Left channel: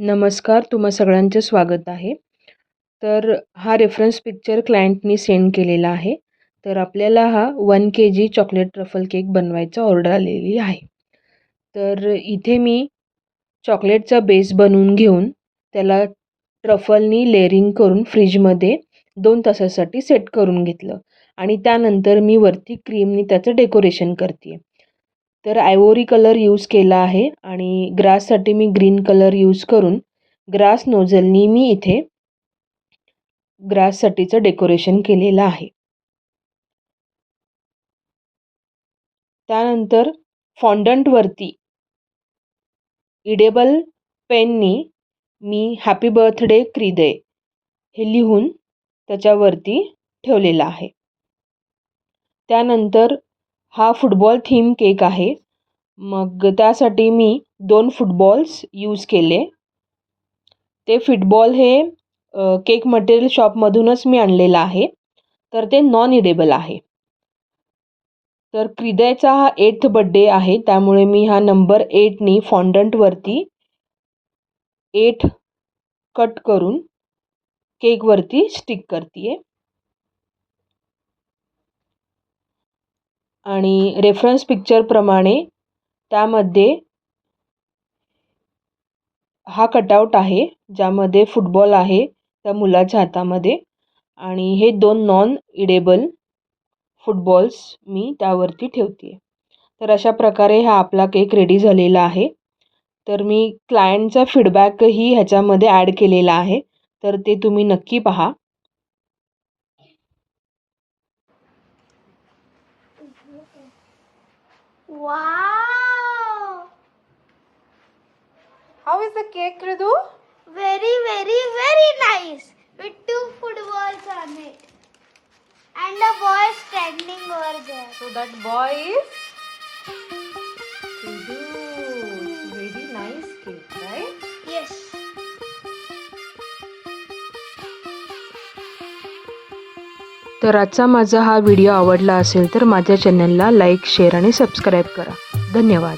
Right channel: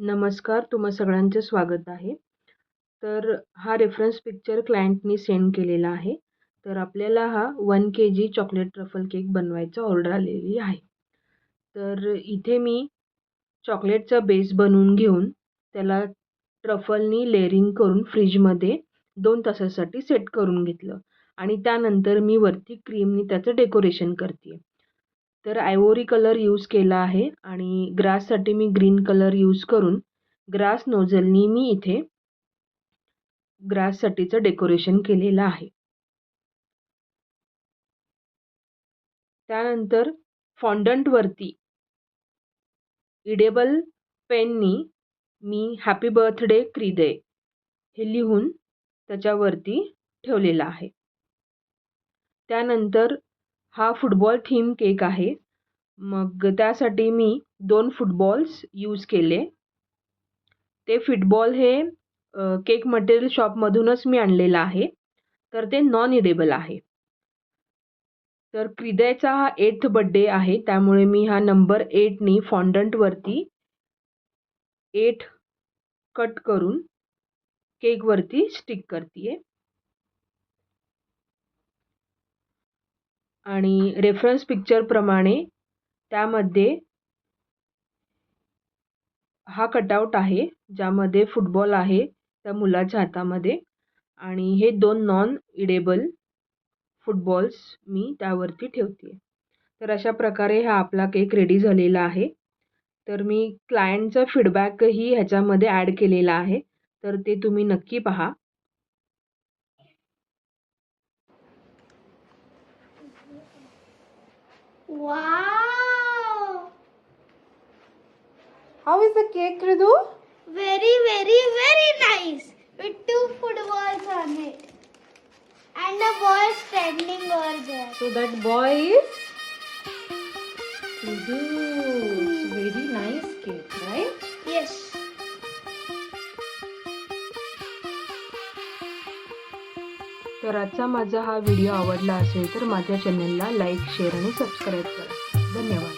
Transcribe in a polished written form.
नमस्कार, तुम्हा सगळ्यांचं स्वागत आहे. तर हा रेफरन्स पिक्चर क्लायंटनी सेंड केलेला आहे. तर आपल्याला हा 1 kg चॉकलेट ट्रफल केक बनवायचा ऑर्डर आलेली आहे. तर इथे मी चॉकलेटचा बेस बनवून घेऊन त्याला ट्रफलनी लेअरिंग करून फ्रीजमध्ये 2 तासासाठी सेट करून घेतलं आणि त्यानंतर मी वरती क्रीमनी त्याचं डेकोरेशन करते आहे. तर आयव्हरी कलर यूज केला आहे आणि ग्राससाठी मी ग्रीन कलर यूज करून ग्रास नोझलनी मी इथे ग्राससाठीचं डेकोरेशन केलेलं आहे. त्यानंतर फॉन्डंटवरती इडेबल पेननी मी हॅपी बर्थडे क्रिदे हे लिहून त्याच्यावरती ठेवलेला आहे. त्यानंतर हा फुटबॉल थीम केक आहे. मग त्यासाठी मी 2 फुटबॉल्स यूज केले. ते फुटबॉल हे केक मटेरियल शॉपमधूनच मी आणलेलं आहे. तर ते नॉन इडेबल आहे. तर क्रिदेचा हा 8th बर्थडे आहे, त्यामुळे मी हा नंबर 8नी फॉन्डंटवरती 8 कट करून केकवरती स्टिक करते आहे. आणि रेफरन्स पिक्चरप्रमाणे त्यामध्ये हा कटआउट आहे, ज्यामध्ये फुटबॉल आहे त्या मुलाच्या हातामध्ये आणि हे 2 नॉन इडेबल फुटबॉल्स मी त्यावरती ठेवते आहे. तर अशा प्रकारे हा आपला केक रेडी झालेला आहे. तर मी क्लायंटचा फीडबॅकही ह्याच्यामध्ये ॲड केलेला आहे, तर ते तुम्ही नक्की पहा. Wow! How is the cake, Ridu? Very, very, very nice. With 2 footballs on it. And a boy standing over there. So that boy is Ridu. It's very nice cake, right? Yes. तर आजचा माझा हा video आवडला असेल तर माझ्या चॅनलला like, share आणि सबस्क्राईब करा. धन्यवाद.